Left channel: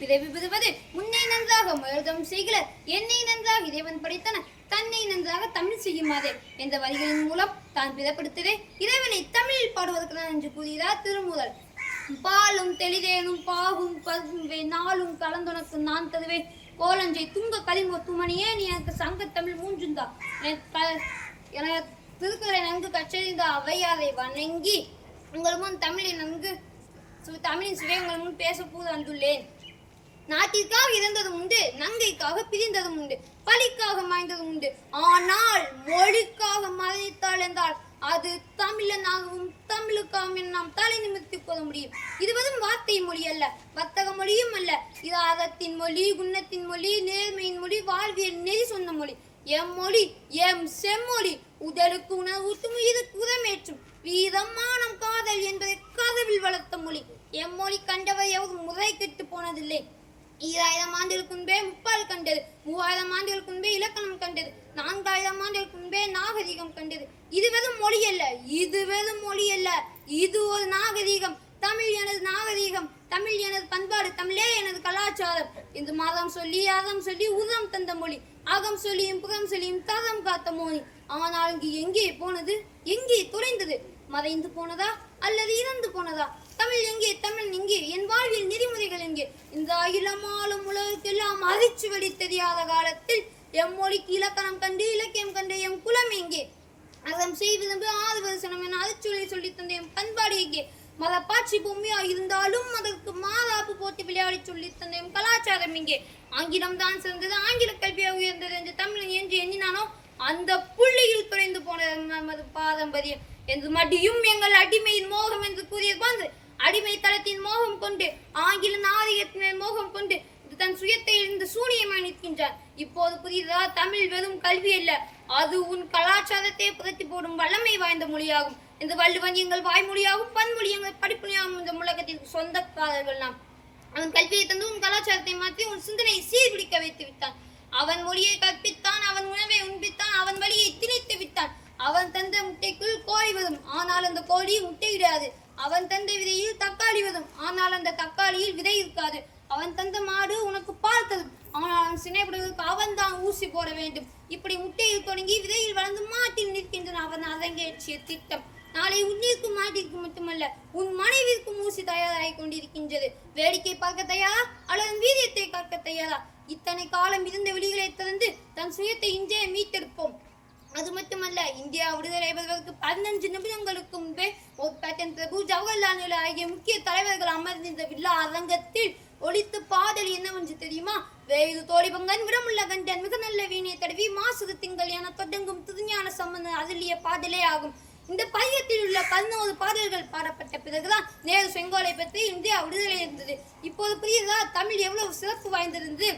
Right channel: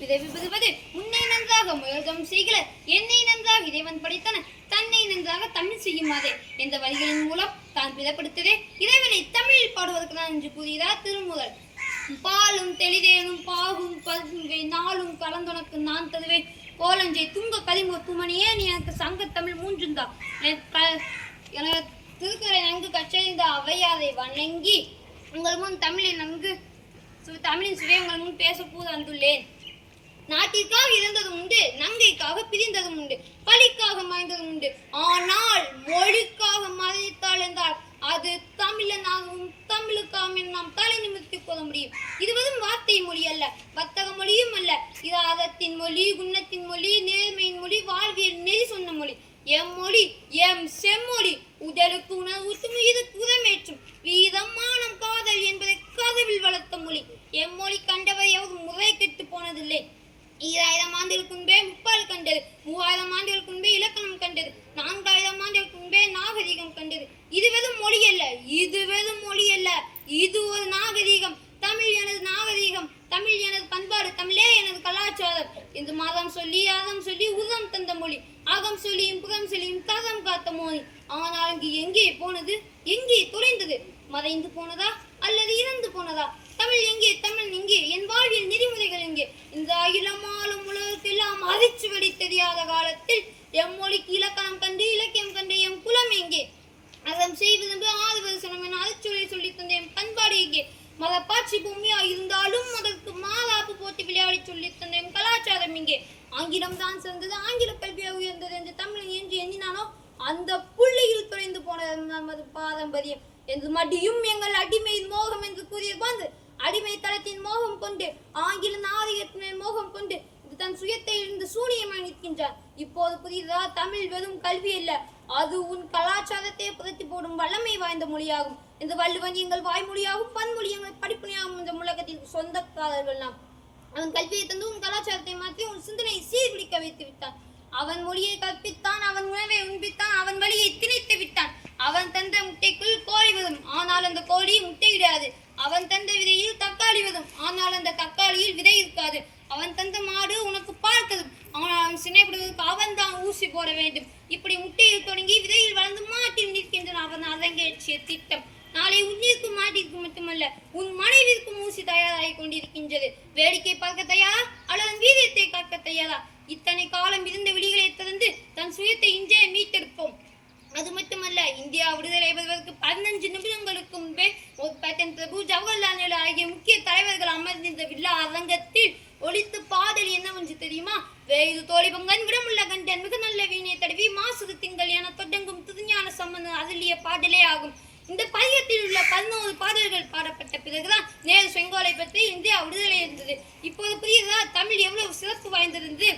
பிறவி பெறுவது முன்னை நன்றாக முயல்தம் செய்கிற என்னை நன்றாக இறைவன் படைத்தன தன்னை நன்றாக தமிழ் செய்யுமாதே என்ற வரிகளின் மூலம் தான் பிறப்படுத்ததே இறைவனை தமிழில் பாடுவதற்கு என்று கூறுகிறார் திருமூலர். பாலும் தெளிதேனும் பாகும் பருவை நாளும் கலந்துனக்கு நான் தருவேன் கோலஞ்சை துங்க கலிங்க துமணியே நீ எனக்கு சங்க தமிழ் மூன்றுந்தா எனக்கு திருக்குறளை நன்கு கற்றறிந்த அவையாரை வணங்கி உங்கள் முன் தமிழின் சுவை உங்கள் முன் பேச வந்துள்ளேன். நாட்டிற்காக இறந்ததும் உண்டு, நங்கைக்காக பிரிந்ததும் உண்டு, பழிக்காக மாய்ந்ததும் உண்டு. ஆனால் மொழிக்காக மறைத்தாள் என்றால் அது தமிழனாகவும் தமிழுக்காக நாம் தலை நிமிர்த்திக் கொள்ள முடியும். இது வெறும் வார்த்தை மொழி அல்ல, வர்த்தக மொழியும் அல்ல. இது அறத்தின் மொழி, குணத்தின் மொழி, நேர்மையின் மொழி, வாழ்வியல் நெறி சொன்ன மொழி. எம் மொழி எம் செம்மொழி உடலுக்கு உணர்வூட்டும் உயிருக்கு உரமேற்றும் வீரம் மானம் காதல் என்பதை கதவில் வளர்த்த மொழி. எம்மொழி கண்டவர் எவரும் முறை கெட்டு போனதில்லை. 2000 ஆண்டுகளுக்கு முன்பே முப்பால் கண்டது, 3000 ஆண்டுகளுக்கு முன்பே இலக்கணம் கண்டது, 4000 ஆண்டுகளுக்கு முன்பே நாகரிகம் கண்டது. இது வெறும் மொழி அல்ல, இது வெறும் மொழி அல்ல, இது ஒரு நாகரிகம். தமிழ் எனது நாகரிகம், தமிழ் எனது பண்பாடு, தமிழே எனது கலாச்சாரம் என்று மதம் சொல்லி அறம் சொல்லி உரம் தந்த மொழி, அகம் சொல்லியும் புறம் சொல்லியும் தரம் காத்த மொழி. ஆனால் இங்கு எங்கே போனது, எங்கே தொலைந்தது? மறைந்து போனதா அல்லது இறந்து போனதா? தமிழ் எங்கே, தமிழ் எங்கே, என் வாழ்வியல் நெறிமுறைகள் எங்கே? இந்த அகிலமாலும் உலகத்தெல்லாம் அதிர்ச்சி தெரியாத காலத்தில் எம் மொழிக்கு இலக்கணம் கண்டு இலக்கியம் கண்டு எம் குலம் எங்கே? அறம் செய்வது ஆறுவது சனம் என அதிர்ச்சியை சொல்லி தந்த எம் பண்பாடு எங்கே? மதப்பாட்சி பூமியா இருந்தாலும் அதற்கு மாறாப்பு போட்டு விளையாடி சொல்லி தந்த எம் கலாச்சாரம் எங்கே? ஆங்கிலம் தான் சிறந்தது, ஆங்கில கல்வியாக உயர்ந்தது என்று தமிழன் என்று எண்ணினானோ அந்த புள்ளியில் துறைந்து போன நமது பாரம்பரியம் என்று மடியும் எங்கள் அடிமையின் மோகம் என்று கூறியது போன்று அடிமை தளத்தின் மோகம் கொண்டு ஆங்கில நாகரிகத்தினர் மோகம் கொண்டு தன் சுயத்தை இருந்து சூனியமாய் நிற்கின்றார். இப்போது புரியுதா? தமிழ் வெறும் கல்வி அல்ல, அது உன் கலாச்சாரத்தை புரட்டி போடும் வல்லமை வாய்ந்த மொழியாகும் என்று வள்ளுவன் எங்கள் வாய்மொழியாகும், பன்மொழி எங்கள் படிப்புனையாகும். இந்த உலகத்திற்கு சொந்தக்காரர்கள் நாம். அவன் கல்வியை தந்து உன் கலாச்சாரத்தை மாற்றி உன் சிந்தனை சீர்பிடிக்க வைத்து விட்டான். அவன் மொழியை கற்பித்தான், அவன் உணவை உண்பித்தான், அவன் வழியை திணித்து விட்டான். அவன் தந்த முட்டைக்குள் கோழி வரும், ஆனால் அந்த கோழி முட்டையிடாது. அவன் தந்த விதையில் தக்காளி வரும், ஆனால் அந்த தக்காளியில் விதை இருக்காது. அவன் தந்த மாடு உனக்கு பால் தரும், ஆனால் அவன் சினைப்படுவதற்கு அவன் தான் ஊசி போட வேண்டும். இப்படி முட்டையில் தொடங்கி விதையில் வளர்ந்து மாட்டில் நிற்கின்றன அவன் அரங்கேற்றிய திட்டம். நாளை உன்னிற்கும் மாட்டிற்கு மட்டுமல்ல, உன் மனைவிற்கும் ஊசி தயாராகி கொண்டிருக்கின்றது. வேடிக்கை பார்க்க தயாரா அல்லது வீரியத்தை காக்க தயாரா? இத்தனை காலம் இருந்த விழிகளை திறந்து தன் சுயத்தை இன்றே மீட்டெடுப்போம். அது மட்டுமல்ல, இந்தியா விடுதலை பெறுவதற்கு 15 நிமிடங்களுக்கு முன்பே பேட்டன் பிரபு, ஜவஹர்லால் நேரு ஆகிய முக்கிய தலைவர்கள் அமர்ந்திருந்த விழா அரங்கத்தில் ஒழித்து பாடல் என்னவென்று தெரியுமா? வேறு தோழிபங்கன் விடமுள்ள கண்டன் மிக நல்ல வீணை தடவி மாசுது திங்கள் என தொடங்கும் திருஞான சம்பந்தன் அருளிய பாடலே ஆகும். இந்த பதிகத்தில் உள்ள 11 பாடல்கள் பாடப்பட்ட பிறகுதான் நேரு செங்கோலை பற்றி இந்தியா விடுதலை இருந்தது. இப்போது புரியுதா தமிழ் எவ்வளவு சிறப்பு வாய்ந்திருந்து?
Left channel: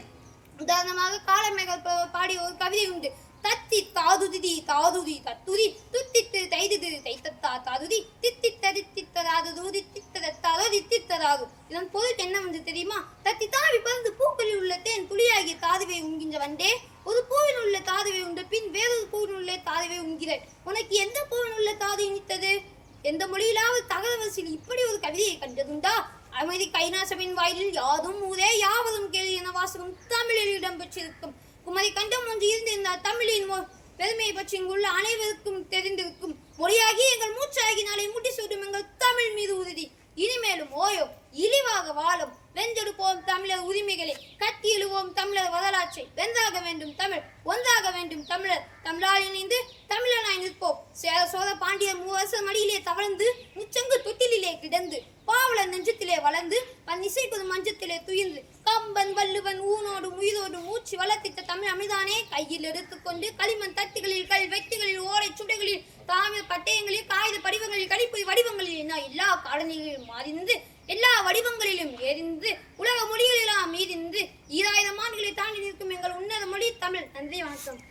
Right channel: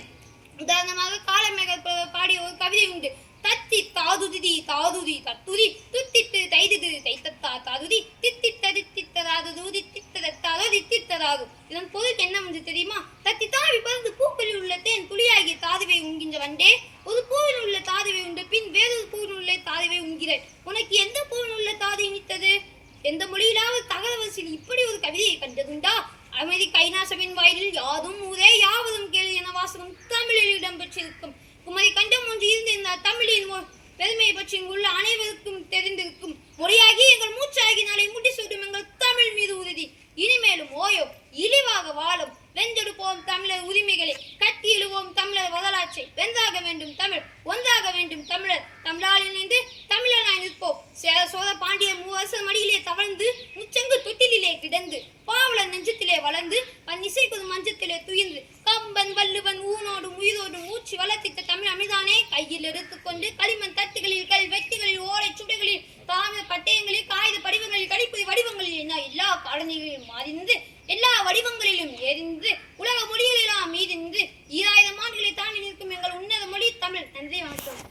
உதாரணமாக காலமேகல் பாடிய ஒரு கவிதை உண்டு. தத்தி தாதுதி தாதுதி தத்துதி துத்தித்து தைதுது தைத்தத்தா தாதுதி தித்தித்ததி தித்ததாதுதி தித்ததத்தாதி தித்ததாது. இதன் பொருள் என்னவென்று தெரியுமா? தத்தி தாவி பறந்து பூக்களில் உள்ள தேன் துளியாகிய தாதுவை உண்கின்ற வண்டே, ஒரு பூவில் உள்ள தாதுவை உண்ட பின் வேறொரு பூவில் உள்ள தாதுவை உண்கிறாய். உனக்கு எந்த பூவில் உள்ள தாது இனித்தது? எந்த மொழியிலாவது தகவல் இப்படி ஒரு கவிதையை கண்டதுண்டா? அமைதி கைலாசவின் வாயிலில் யாதும் ஊரே யாவதும் கேள்வி என வாசகம் தமிழில் இடம்பெற்றிருக்கும். குமரி கண்டம் ஒன்று இருந்திருந்தால் தமிழின் பெருமையை பற்றி இங்குள்ள அனைவருக்கும் தெரிந்திருக்கும். மொழியாகி எங்கள் மூச்சாகி நாளை முடிசூடும் எங்கள் தமிழ் மீது உறுதி. இனிமேலும் ஓயோ இழிவாக வாழும் வென்றெடுப்போம் தமிழர் உரிமைகளை, கட்டி எழுவோம் தமிழர் வரலாற்றை. வென்றாக வேண்டும் தமிழ், ஒன்றாக வேண்டும் தமிழர். தமிழால் இணைந்து தமிழனாய் நிற்போம். சேர சோழ பாண்டியர் 3 வருஷம் மடியிலே தவழ்ந்து முச்சங்கு தொட்டிலே கிடந்து பாவலர் நெஞ்சத்திலே வளர்ந்து பன்னிசைக்கு மஞ்சத்திலே துயின்று கம்பன் வள்ளுவன் ஊனோடும் உயிரோடும் மூச்சு வளர்த்திட்ட தமிழ் அமிர்தானே கையில் எடுத்துக்கொண்டு களிமண் தட்டுகளில் கல் வெட்டிகளில் ஓரை சுடைகளில் தாமிர பட்டயங்களில் காகித படிவங்களில் கடிப்பொறி வடிவங்களில் என எல்லா காலநிலையிலும் மாறிந்து எல்லா வடிவங்களிலும் எரிந்து உலக மொழிகளெல்லாம் மீதிருந்து 2000 ஆண்டுகளை தாண்டி நிற்கும் எங்கள் உன்னத மொழி தமிழ். நன்றி, வணக்கம்.